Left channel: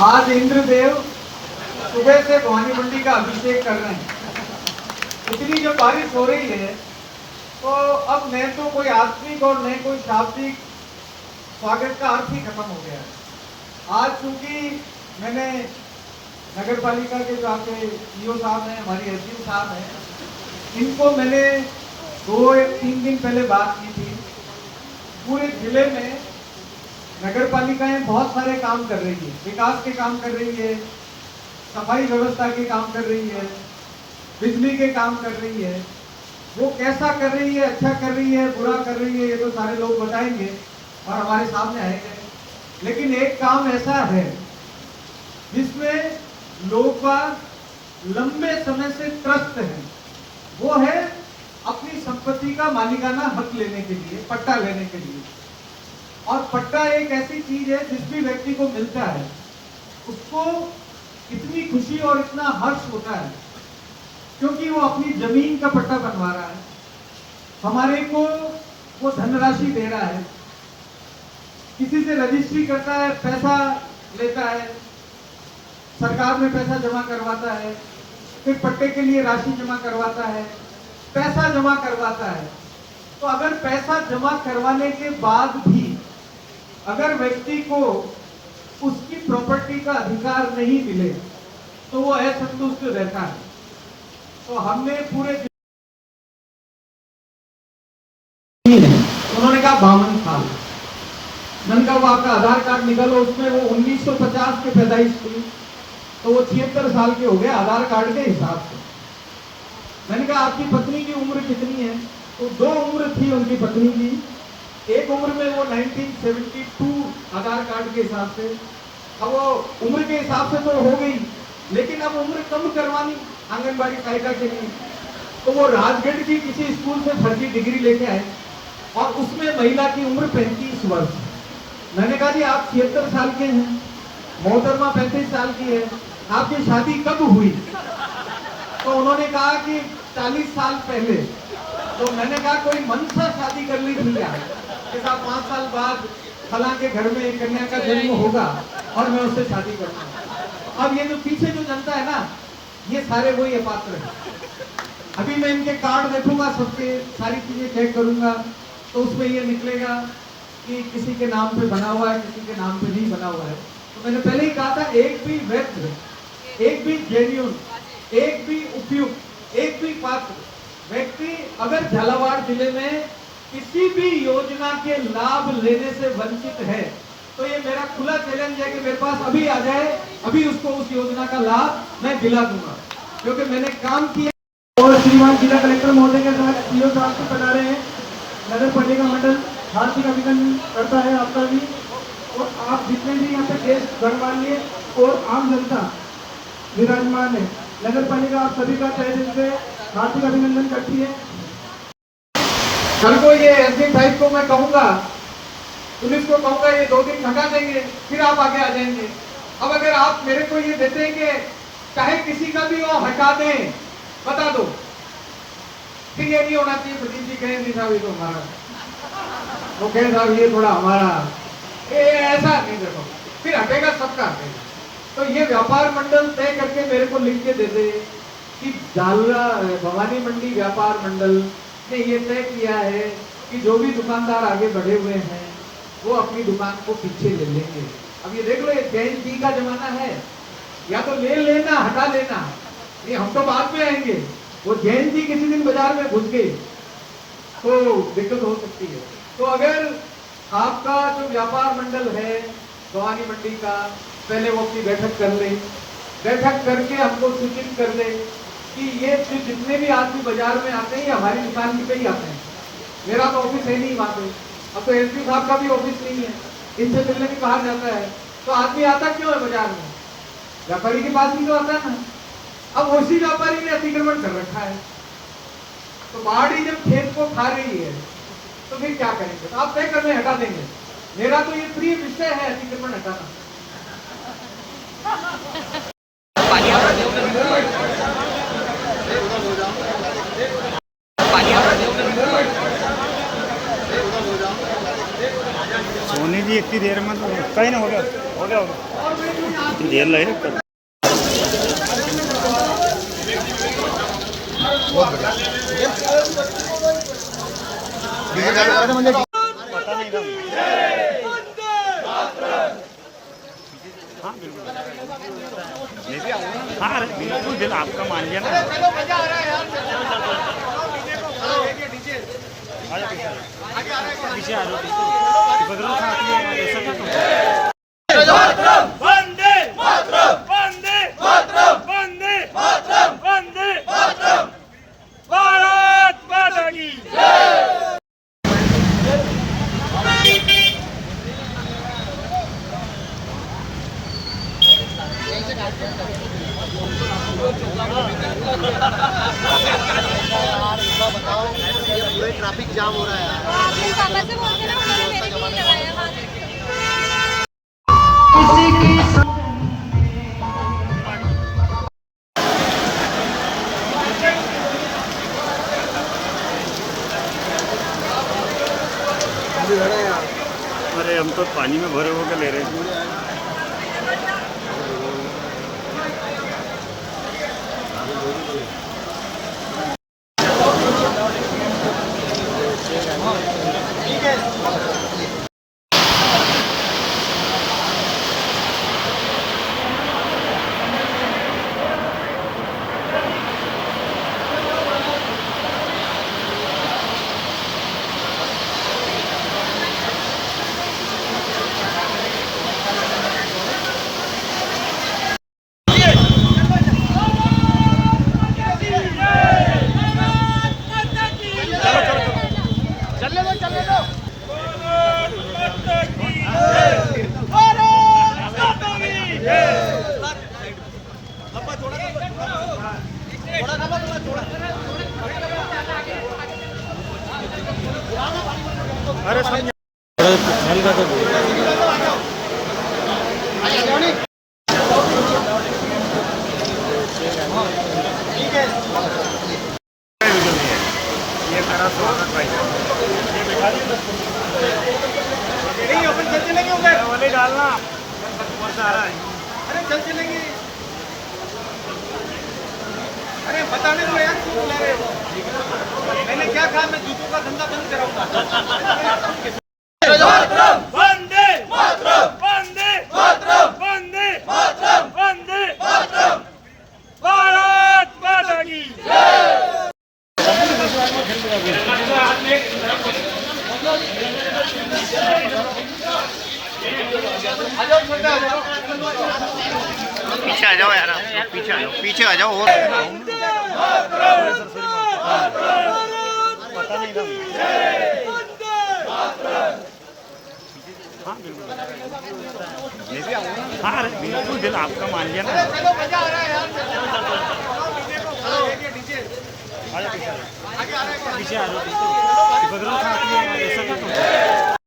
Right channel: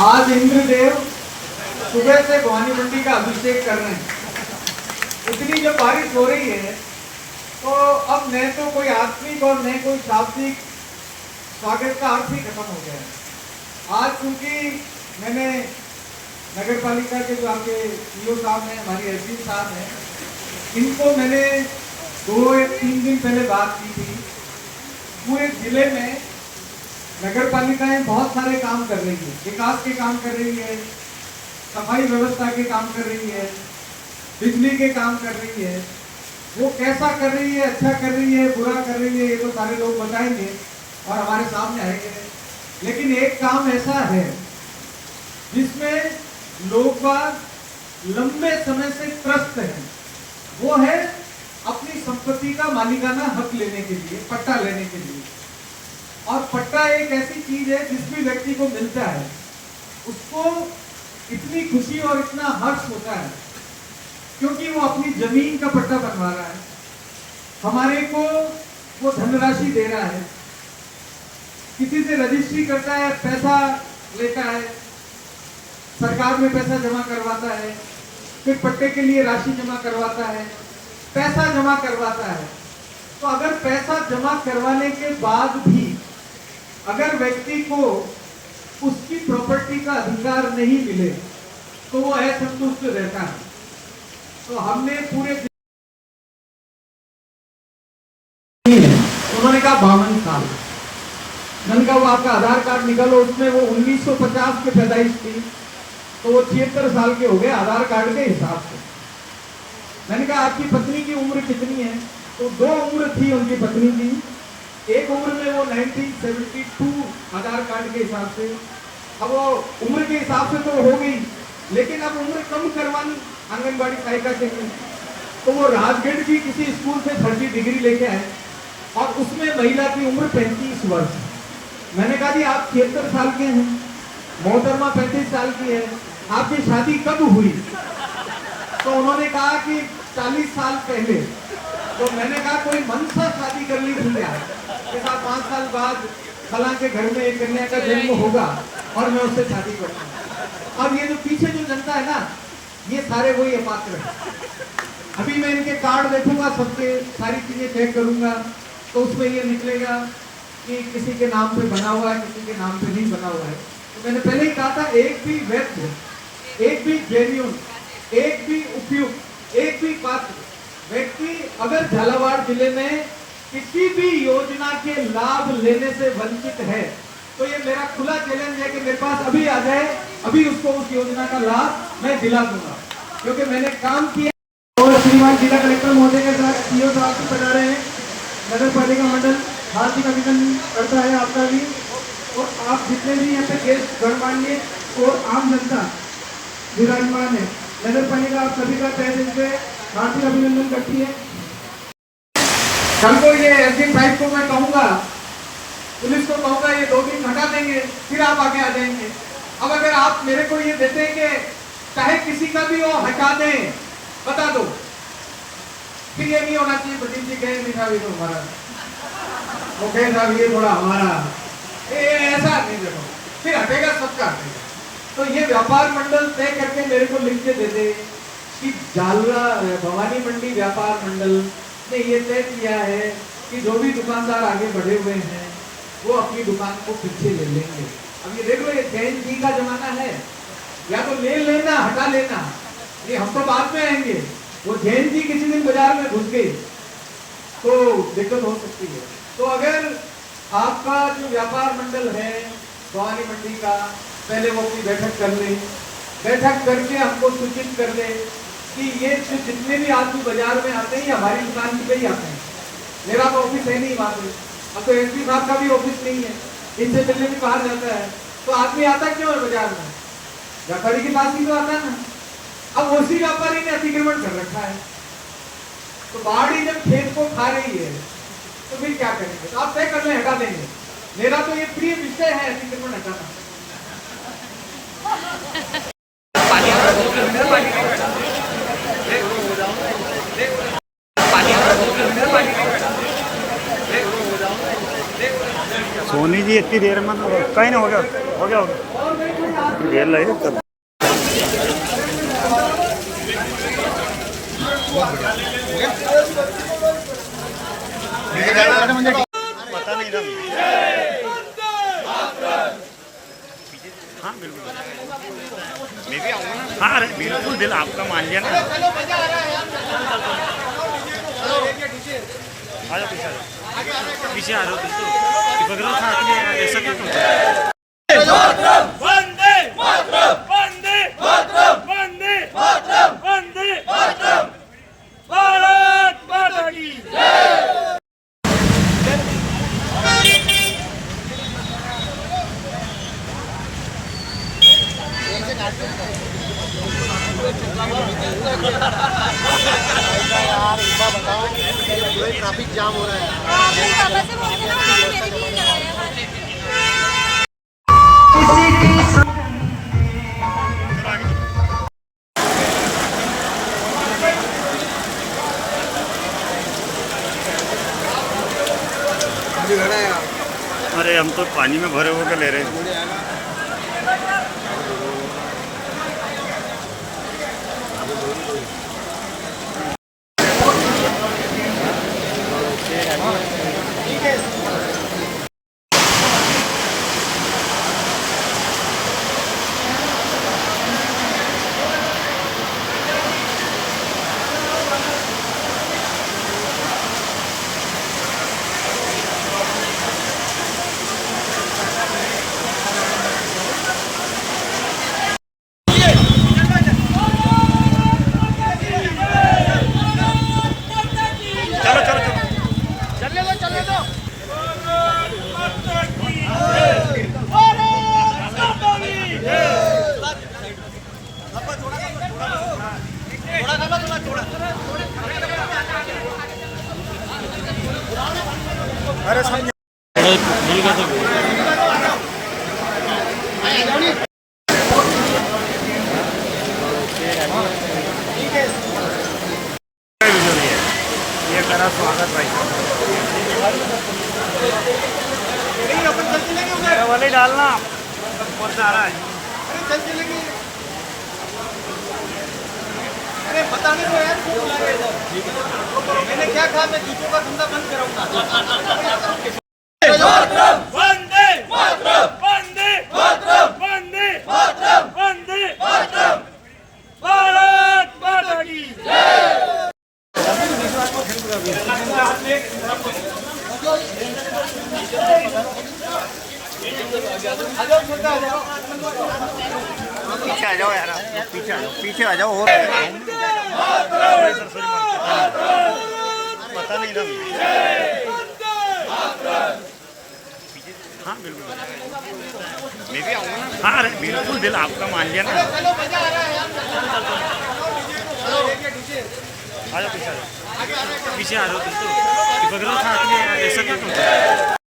आज इंद्रदेव सुबह से भवानी मंडी का अभिषेक कर रहे हैं। इतनी जो बारिश हो रही है तो अब न तो कोई आत्मिक और न कोई शाब्दिक स्वागत का अर्थ ही खत्म हो गया है। आज चूंकि मैंने नगर पालिका के जो आपके ईओ साहब हैं, हमारी एसडीओ साहब हैं, इनको मैंने 2-3 दिन पहले बात की थी। पूरे जिले में नगर पालिकाएं बहुत सारे काम कर रही है, विकास के काम कर रही है, सफाई व्यवस्था के काम कर रही है, बिजली के काम कर रही है। वो कैसा कर रही है, अच्छा कर रही है, बुरा कर रही है, ये तो सारे लोग बताएंगे और हमारे सामने आएंगे। लेकिन एक काम ऐसा है जिसमें लोग लंबे समय से त्रस्त हैं, वो है अपनी संपत्ति का मालिकाना हक लेने के लिए, पट्टा लेने के लिए। और पट्टा एक ऐसी चीज है जिस भी व्यक्ति को मिलता है उसको इतनी खुशी और इतना हर्ष होता है क्योंकि वो अपनी जमीन का पट्टा बनवा रहा है, हमारे को वो धनराशि दे रहा है, किसी से रजिस्ट्री करता है, पैसा लेता है, सरकार में पैसा जमा करवाता है, फिर पट्टे के लिए राशि जमा करवाता है, पैसा जमा करवाता है। तो अगर पैसा जमा करवाने के बाद भी अगर व्यक्ति को उसकी प्रॉपर्टी का अधिकार नहीं मिले तो वो असंतुष्ट रहता है। तो हमने पूरे उन्होंने कहा 52 साल। मैंने कहा वो आपका आधार कार्ड निकालो, उसमें वो 1950 के पैदाइश थी तो वो 76 साल के हो गए आधार कार्ड के हिसाब से। मैंने कहा आपकी पत्नी की उम्र कितनी है? तो 2 उम्र थी उनकी पत्नी की। एक उम्र में वो 1972 आधार कार्ड के हिसाब से, अब वो उम्र के हिसाब से तो हो गई, लेकिन अब उम्र कम करवानी आंगनबाड़ी सहायिका के लिए। तो वो राजगढ़ की किसी स्कूल से फर्जी डिग्री लेके आए और उसमें महिला की उम्र 35 वर्ष। मैंने कहा जी आप 76 साल के हैं, मोहतरमा 35 साल की है, आपकी शादी कब हुई? तो उन्होंने कहा कि 40 साल पहले। तो मैंने कहा कोई मन से शादी कर ली थी क्या? 5 साल बाद फला के घर में एक कन्या का जन्म होगा और मैं उससे शादी करूंगा। अब ये जो पीछे जो जनता है ना, ये सारे वही अपात्र है। अभी मैं इनके कार्ड देखूंगा, सबके सारी चीजें चेक करूंगा तो उसमें ये निकलेगा कि किसी के नाम पे बना हुआ है, किसी के नाम पे नहीं बना हुआ है। तो मैंने पहले ही कहा था एक भी वैध, एक भी जेन्युइन, एक भी उपयुक्त, एक भी पात्र व्यक्ति अगर झालावाड़ जिले में किसी भी योजना के लाभ लेने से वंचित है तो ये मेरा खुला चैलेंज है कि मेरे पास अभी आ जाए, अभी उसको उस योजना का लाभ मैं दिला दूंगा, क्योंकि मैंने काम किया। और श्रीमान जिला कलेक्टर महोदय के साथ सीओ साहब को बना रहे हैं। नगर पालिका मंडल हार्दिक अभिनंदन करता है आपका भी, और आप जितने भी यहाँ पे गेस्ट गणमान्य और आम जनता विराजमान है, नगर पालिका आप सभी का तहे दिल से हार्दिक अभिनंदन करती है। कल को ये एसडी साहिब को मैं कहूँगा, पुलिस को कहूँगा ये 2 दिन हटा देंगे, फिर आप आगे आ जाएंगे। अब अगर आप मेरे को ये देते हैं कि चाहे किसी का भी वो हटा दें, बता दो, फिर ये नहीं होना चाहिए प्रदीप जी कहें नहीं साहब ये तो हमारा, वो कहें साहब ये थोड़ा हमारा, ऐसा नहीं। देखो फिर हटेगा, सबका हटेगा। तो ये व्यापार मंडल तय करके मेरे को लिख के दे दे कि भवानी मंडी व्यापार मंडल ने ये तय किया है कि जो भी दुकानदार आगे बढ़े हुए हैं वो अपनी दुकान को पीछे ले लेंगे। अब ये देख लो, ये जैन जी का जमाना है, या तो ले लेना हटा लेना, ये हम तो बाद में आएंगे। वो जैन जी किसी दिन बाजार में घुस गए तो दिक्कत हो सकती है। तो अगर आपका जो व्यापार मंडल है भवानी मंडी का, पहले वो अपनी बैठक कर ले, बैठक करके हमको सूचित कर ले कि ये जितने भी आदमी बाजार में आते हैं हमारी दुकान पे ही आते हैं। मेरा तो ऑफिस है नहीं वहाँ पे, अब तो एसपी साहब का भी ऑफिस नहीं है, इनसे मिलने भी बाहर जाता है, तो आदमी आता क्यों है बाजार में? व्यापारी के पास ही तो आता है ना। अब उसी व्यापारी ने अतिक्रमण कर रखा है, तो बाढ़ी जब खेत को खा रही है तो फिर क्या करेंगे? तो आप तय कर ले हटा देंगे। मेरा तो ये प्रिय विषय है अतिक्रमण हटाना। सोनी जी इतनी देर में तो कहीं ना हो गया देर लगी तब पता नहीं था। हाँ बिल्कुल मैं भी आऊँगा। हाँ अरे बिल्कुल दिल आपका मान लिया ना। पीछे आ रहे हो तुम तो बगल साथ में ऐसा क्या करते हो? वंदे वंदे वंदे वंदे भारत माता की ट्रैफिक जाम हो रहा है। अरे हम तो पानी में भरे होकर ले रहे हैं। डालना अरे चल चलेंगे। अरे बताने दो यार क्यों बुला रहे हो? मैंने क्या कहा मैं जूतों का धंधा बंद कराऊंगा। वंदे वंदे वंदे वंदे भारत माता की पीछे आ जाओ यार पीछे आ जाओ और पता नहीं था। हाँ बिल्कुल मैं भी आऊँगा। हाँ अरे बिल्कुल दिल आपका मान लिया ना। पीछे आ रहे हो तुम तो बगल साथ में ऐसा क्या करते हो?